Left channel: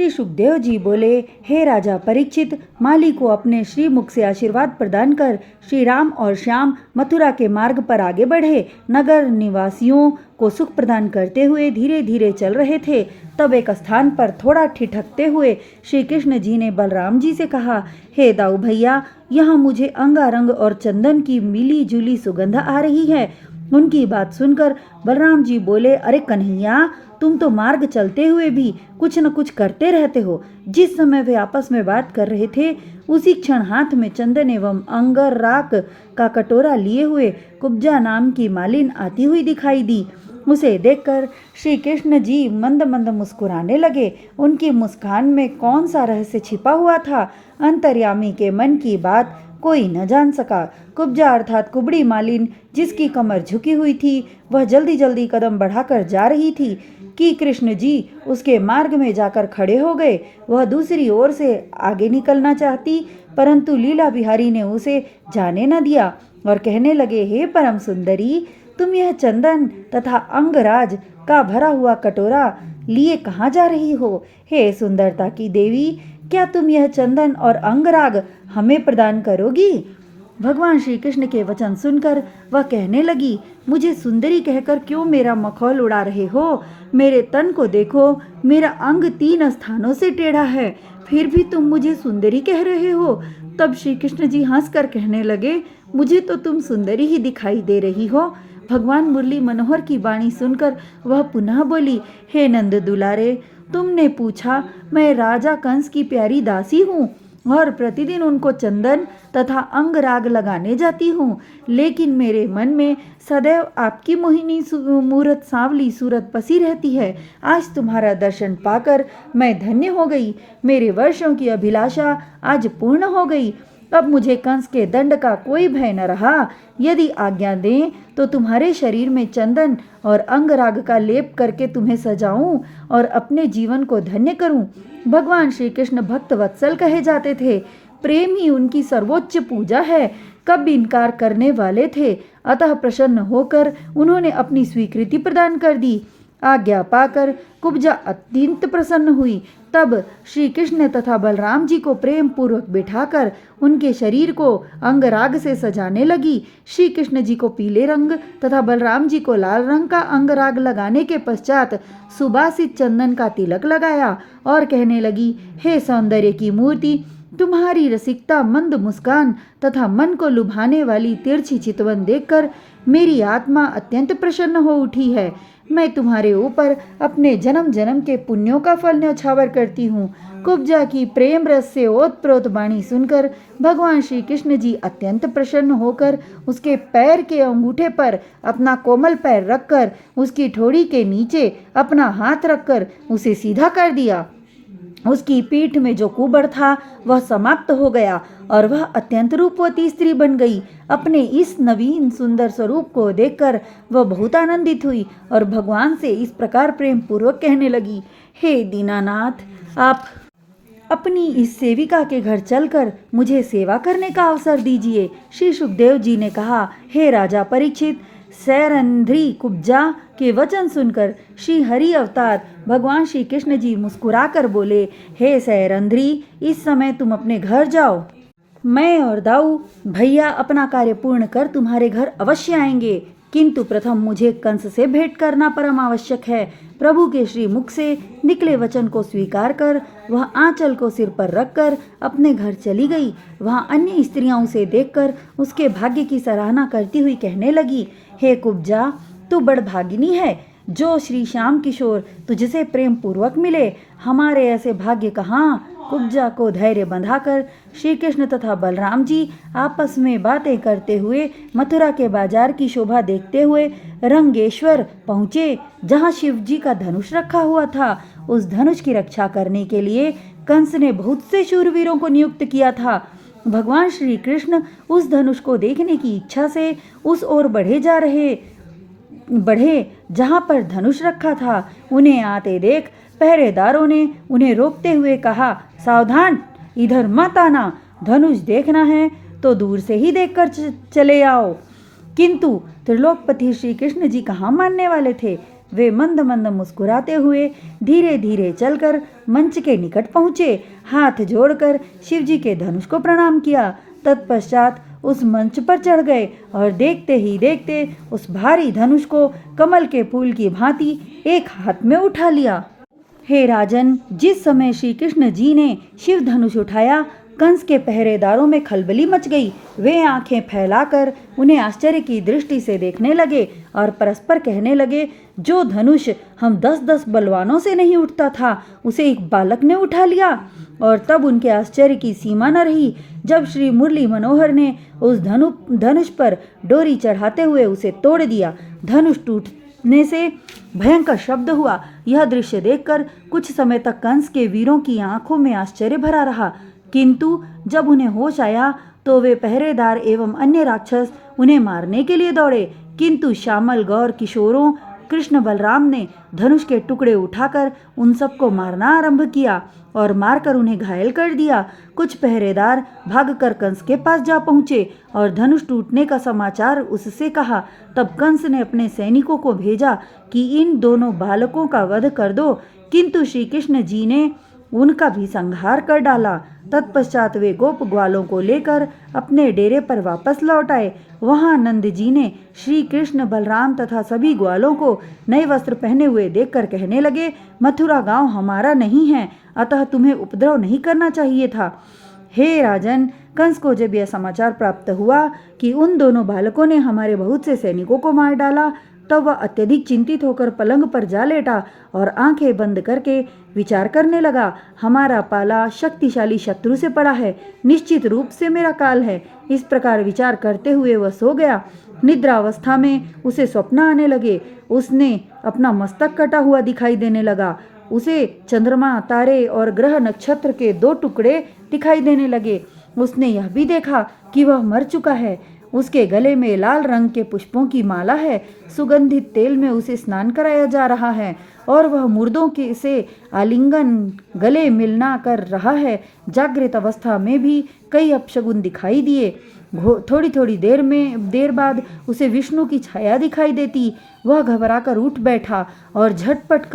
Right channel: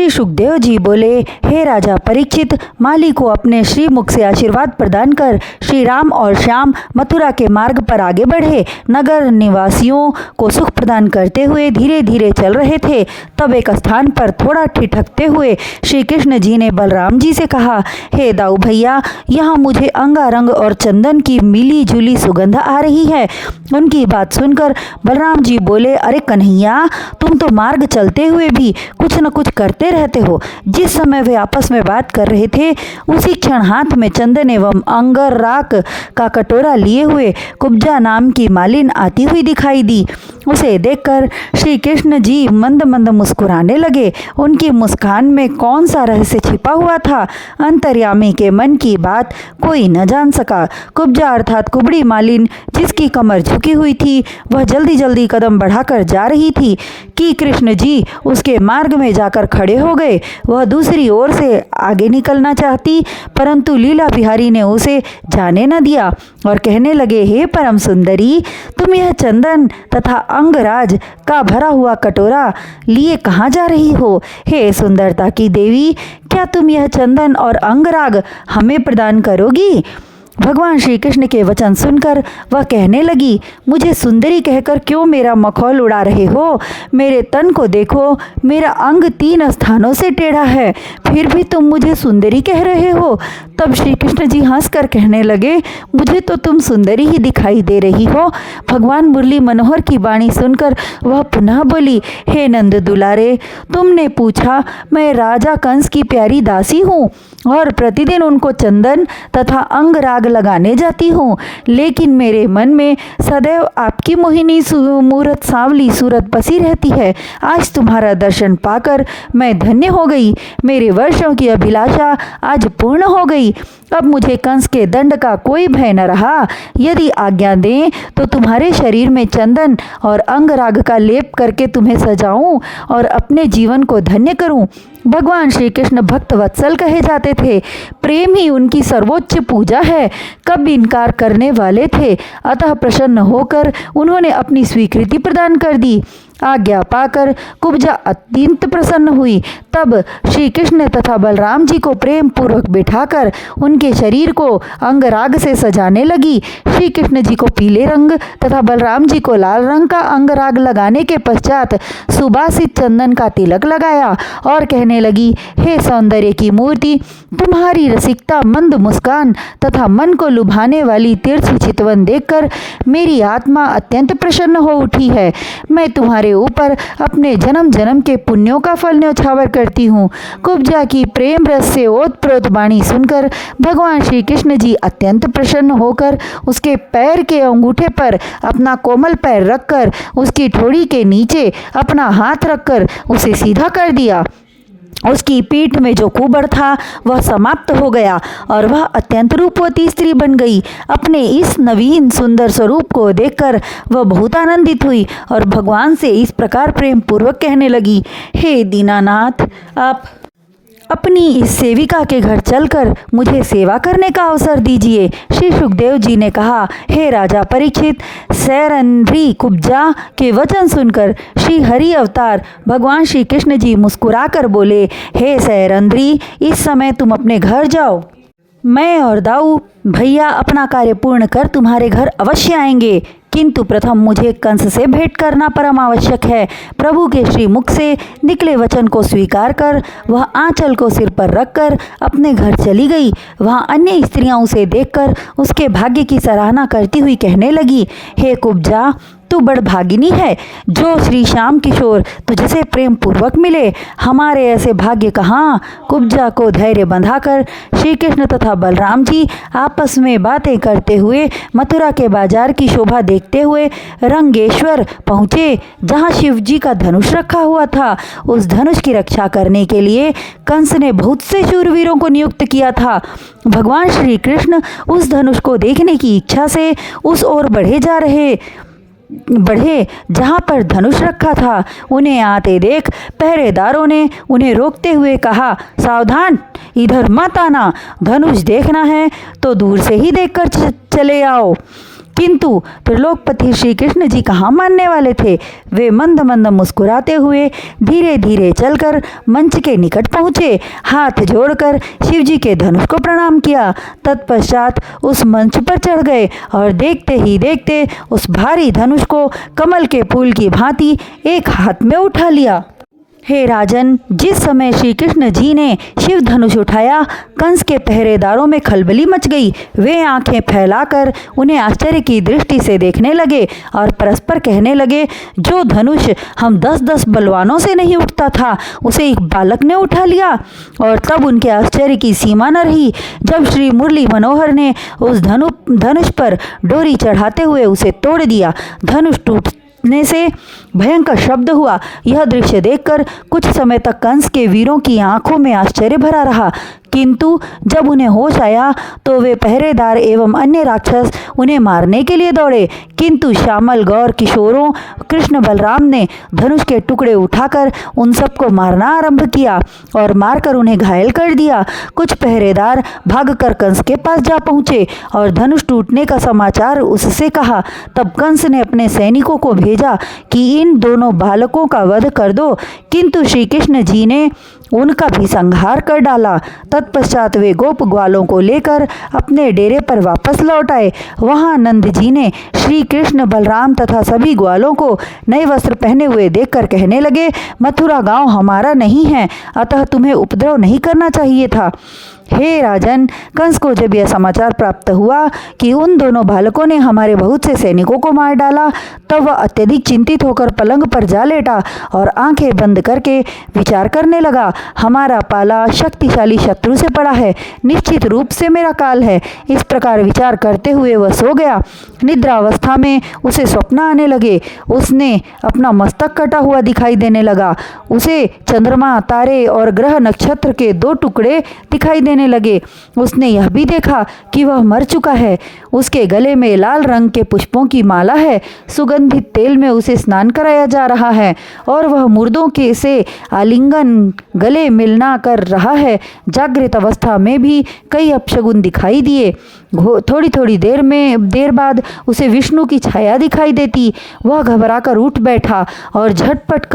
श्री सुखदेव जी बोले, हे राजा परीक्षित, माली को अपने श्रीमुख से आशीर्वाद प्रदान कर श्री राम और श्याम मथुरा के मार्ग पर आगे बढ़े। नगर निवासियों को सुख प्रदान करते हुए धीरे धीरे चल रहे थे। तब एक स्थान पर थोड़ा ठिठकते हुए श्री कृष्ण जी ने बलराम जी से कहा, हे दाऊ भैया, यहाँ मुझे अंगारंग और चंदन की मिली जुली सुगंध आ रही है। उनकी बात सुनकर बलराम जी बोले, अरे कन्हैया, तुम तो मार्ग चलते हुए भी कुछ न कुछ करते रहते हो। जिस समय वे आपस में बात कर रहे थे, उसी क्षण हाथ में चंदन एवं अंगराग का कटोरा लिए हुए कुब्जा नाम की मालिन आती हुई दिखाई दी। उसे देखकर श्री कृष्ण जी मंद मंद मुस्कुराने लगे। उनकी मुस्कान में कौन सा रहस्य छिपा हुआ था, अंतर्यामी के मन की बात कोई न जान सका। कुब्जा अर्थात कुबड़ी मालिन, जिसकी कमर झुकी हुई थी, वह जल्दी जल्दी कदम बढ़ाकर जा रही थी कि कृष्ण जी उसके मार्ग में जाकर खड़े हो गए। वह दूसरी ओर से आगे निकलना चाहती, परंतु लीला बिहारी ने उसे जाने न दिया और कहने लगे, हे परम सुंदरी, तुम यह चंदन तथा अंगराज का भरा हुआ कटोरा लिए कहाँ जा रही हो? हे सुंदरता की देवी, क्या तुम यह चंदन और अंगराग हमें प्रदान करोगी? भगवान श्री कृष्ण के वचन सुनकर वह कहने लगी, मुझे सुंदरी कहकर क्यों मेरा मखौल उड़ा रहे हो? मेरे तन को देखो, मेरा अंग 3 स्थानों से टेढ़ा है, फिर भी तुम मुझे सुंदरी कह रहे हो। तब श्री कृष्ण जी हंसकर कहने लगे, मुझे तो तुम सुंदरी ही दिखाई दे रही हो। भगवान मुरली मनोहर की वाणी सुनकर वह पुनः बोली, हे नंद दुलारे, तुमने पूछा, मैं राजा कंस की प्यारी दासी हूँ और प्रतिदिन उनको चंदन तथा अंगराग लगाने जाती हूँ, लेकिन मेरे मन में सदैव आपकी मोहिनी मूरत सांवली सूरत बसी रहती है। आज तुम्हारा दर्शन पाकर मैं धन्य हो गई। मेरे वर्षों की अभिलाषा आज पूर्ण हो गई। अब मुझे कंस के दंड का कोई भय न रहा। यदि आज्ञा दें तो तुम्हारे शरीर में चंदन और अंगराग का लेप करके तुम्हें सजाऊं और अपने जीवन को धन्य करूं। भगवान श्री कृष्ण भक्त वत्सल कहे जाते थे। प्रेम ही उनकी सर्वोच्च पूजा है। कब इनकार करने वाले थे, अतः प्रसन्न होकर उन्होंने अपनी स्वीकृति प्रदान कर दी। आज्ञा पाकर कुब्जा अत्यंत प्रसन्न हुई। तब श्री कृष्ण तथा बलराम जी को प्रेम पूर्वक बिठाकर उनके शरीर को अंगराग से सजाने लगी। श्री कृष्ण जी को पीले रंग तथा बलराम जी को लाल रंग का अंगराग लगाने के पश्चात सुबासित चंदन का तिलक लगाया और कहने लगी, हे सौंदर्य की मूर्ति, तुम्हारी रसिकता, मंद मुस्कान तथा मन को लुभाने वाली तिरछी चितवन देखकर मेरी आत्मा अत्यंत प्रसन्न हो उठी है। मैं तुम्हारे ऊपर अपने जन्म जन्म के पुण्यों का फल न्यौछावर करती हूँ। कुब्जा की प्रेम रस से ओतप्रोत वाणी सुनकर भगवान श्री कृष्ण जी अत्यंत प्रसन्न होकर उसके पैर के अंगूठे पर अपना कोमल पैर रखकर उसकी ठोड़ी के नीचे अपना हाथ रखकर उसे सीधा कर दिया। उसकी पीठ में जो कुबड़ था वह समाप्त हो गया और वह अत्यंत रूपवती स्त्री बन गई। अपने इस नवीन सुंदर स्वरूप को देखकर वह बहुत आनंदित हुई और भगवान से इस प्रकार प्रेम पूर्वक कहने लगी, हे दीनानाथ, आप अपनी इस सेविका के घर चलकर मुझे सेवा करने का अवसर दीजिए। श्री सुखदेव जी ने कहा, हे राजा परीक्षित, सैरंध्री कुब्जा के वचन सुनकर श्री हरि अवतार भगवान श्री कृष्ण जी मुस्कुराकर बोले, हे सैरंध्री, इस समय तुम अपने घर जाओ। मैं और दाऊ भैया अपना कार्य पूर्ण कर तुम्हारे घर अवश्य आएंगे, किंतु प्रथम मुझे कंस से भेंट करना परम आवश्यक है। प्रभु के श्री मुख से निकले वचन को स्वीकार कर वह आंचल को सिर पर रखकर अपने घर चली गई। वहाँ अन्य स्त्रियां उसे देखकर उसके भाग्य की सराहना करती हुई कहने लगी, हे कुब्जा, तू बड़भागिनी है जो श्री श्याम किशोर तुझसे प्रेम पूर्वक मिले। हमारे ऐसे भाग्य कहाँ। कुब्जा को धैर्य बंधाकर श्री कृष्ण तथा बलराम जी आपस में बातें करते हुए मथुरा के बाजार की शोभा देखते हुए रंगेश्वर पहुँचे, जहाँ शिव जी का धनुष रखा हुआ था। उस धनुष की रक्षा करने के लिए कंस ने बहुत से शूरवीरों को नियुक्त किया था। भगवान श्री कृष्ण उस धनुष को देखने की इच्छा से उस ओर बढ़े जहाँ पर धनुष रखा था। उन्हें आते देख पहरेदारों ने उन्हें रोकते हुए कहा, सावधान, इधर मत आना, धनुष देखना है तो दूर से ही देखकर चले आओ। किंतु त्रिलोकपति श्री कृष्ण जी कहाँ मानने वाले थे। वे मंद मंद मुस्कुराते हुए धीरे धीरे चलकर मंच के निकट पहुँचे, हाथ जोड़कर शिव जी के धनुष को प्रणाम किया। तत्पश्चात उस मंच पर चढ़ गए और देखते ही देखते उस भारी धनुष को कमल के फूल की भांति एक हाथ में उठा लिया। हे राजन, जिस समय श्री कृष्ण जी ने शिव धनुष उठाया, कंस के पहरेदारों में खलबली मच गई। वे आंखें फैलाकर उन्हें आश्चर्य की दृष्टि से देखने लगे और परस्पर कहने लगे, जो धनुष हम 10-10 बलवानों से नहीं उठता था, उसे एक बालक ने उठा लिया। और तब उनके आश्चर्य की सीमा न रही जब श्री मुरली मनोहर ने उस धनुष पर डोरी चढ़ाते हुए उसे तोड़ दिया। धनुष टूटने से भयंकर शब्द हुआ। यह दृश्य देखकर कुछ समय तक कंस के वीरों की आंखों में आश्चर्य भरा रहा, किंतु जब उन्हें होश आया तो वे पहरेदार एवं अन्य राक्षस उन्हें मारने के लिए दौड़े, किंतु श्यामल गौर किशोरों कृष्ण बलराम ने धनुष के टुकड़े उठाकर उन सबको मारना आरंभ किया और मारकर उन्हें घायल कर दिया। कुछ पहरेदार भागकर कंस के पास जा पहुँचे और धनुष टूटने का समाचार उससे कहा। तब कंस ने अपने सैनिकों को भेजा कि इन दोनों बालकों का वध कर दो, किंतु श्री कृष्ण जी ने उनका भी संहार कर डाला। तत्पश्चात वे गोप ग्वालों को लेकर अपने डेरे पर वापस लौट आए। वहां नंद जी ने श्री कृष्ण बलराम तथा सभी ग्वालों को नए वस्त्र पहने हुए देखकर कहने लगे, मथुरा गांव हमारा नहीं है, अतः तुम्हें उपद्रव नहीं करना चाहिए था। हे राजन, कंस को जब यह समाचार प्राप्त हुआ कि उन दोनों बालकों ने हमारे बहुत से सैनिकों को मार डाला, तब वह अत्यधिक चिंतित होकर पलंग पर जा लेटा और आंखें बंद करके विचार करने लगा। हमारा पाला शक्तिशाली शत्रु से पड़ा है, निश्चित रूप से मेरा काल है। इस प्रकार विचार करते हुए वह सो गया। निद्रावस्था में उसे स्वप्न आने लगे। उसने अपना मस्तक कटा हुआ दिखाई देने लगा। उसे चंद्रमा, तारे और ग्रह नक्षत्र के 2 टुकड़े दिखाई देने लगे। उसने यह भी देखा कि वह मर चुका है। उसके गले में लाल रंग के पुष्पों की माला है। सुगंधित तेल में उसे स्नान कराया जा रहा है और वह मुर्दों के से आलिंगन गले मिलना कर रहा है। जागृत अवस्था में भी कई अपशगुन दिखाई दिए। थोड़ी थोड़ी देर बाद उसे विष्णु की छाया दिखाई देती। वह घबराकर उठ बैठा और झपट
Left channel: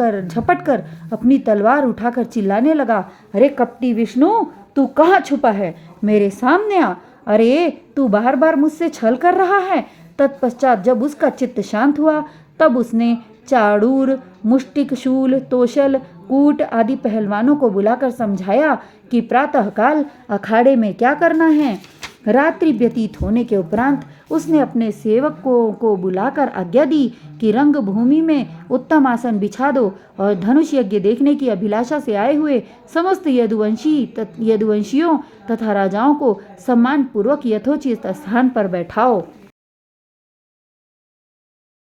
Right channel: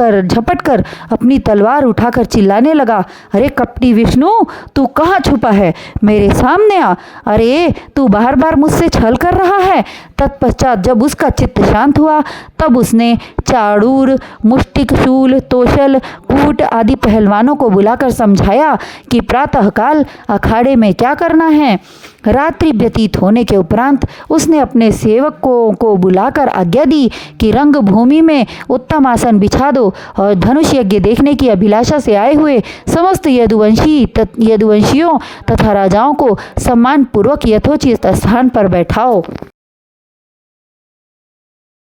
कर अपनी तलवार उठाकर चिल्लाने लगा, अरे कपटी विष्णु, तू कहाँ छुपा है? मेरे सामने आ। अरे तू बार बार मुझसे छल कर रहा है। तत्पश्चात जब उसका चित्त शांत हुआ तब उसने चाड़ूर, मुष्टिकशूल, तोशल, कूट आदि पहलवानों को बुलाकर समझाया कि प्रातःकाल अखाड़े में क्या करना है। रात्रि व्यतीत होने के उपरांत उसने अपने सेवकों को बुलाकर आज्ञा दी कि रंगभूमि में उत्तम आसन बिछा दो और धनुष यज्ञ देखने की अभिलाषा से आए हुए समस्त यदुवंशियों तथा राजाओं को सम्मानपूर्वक यथोचित स्थान पर बैठाओ।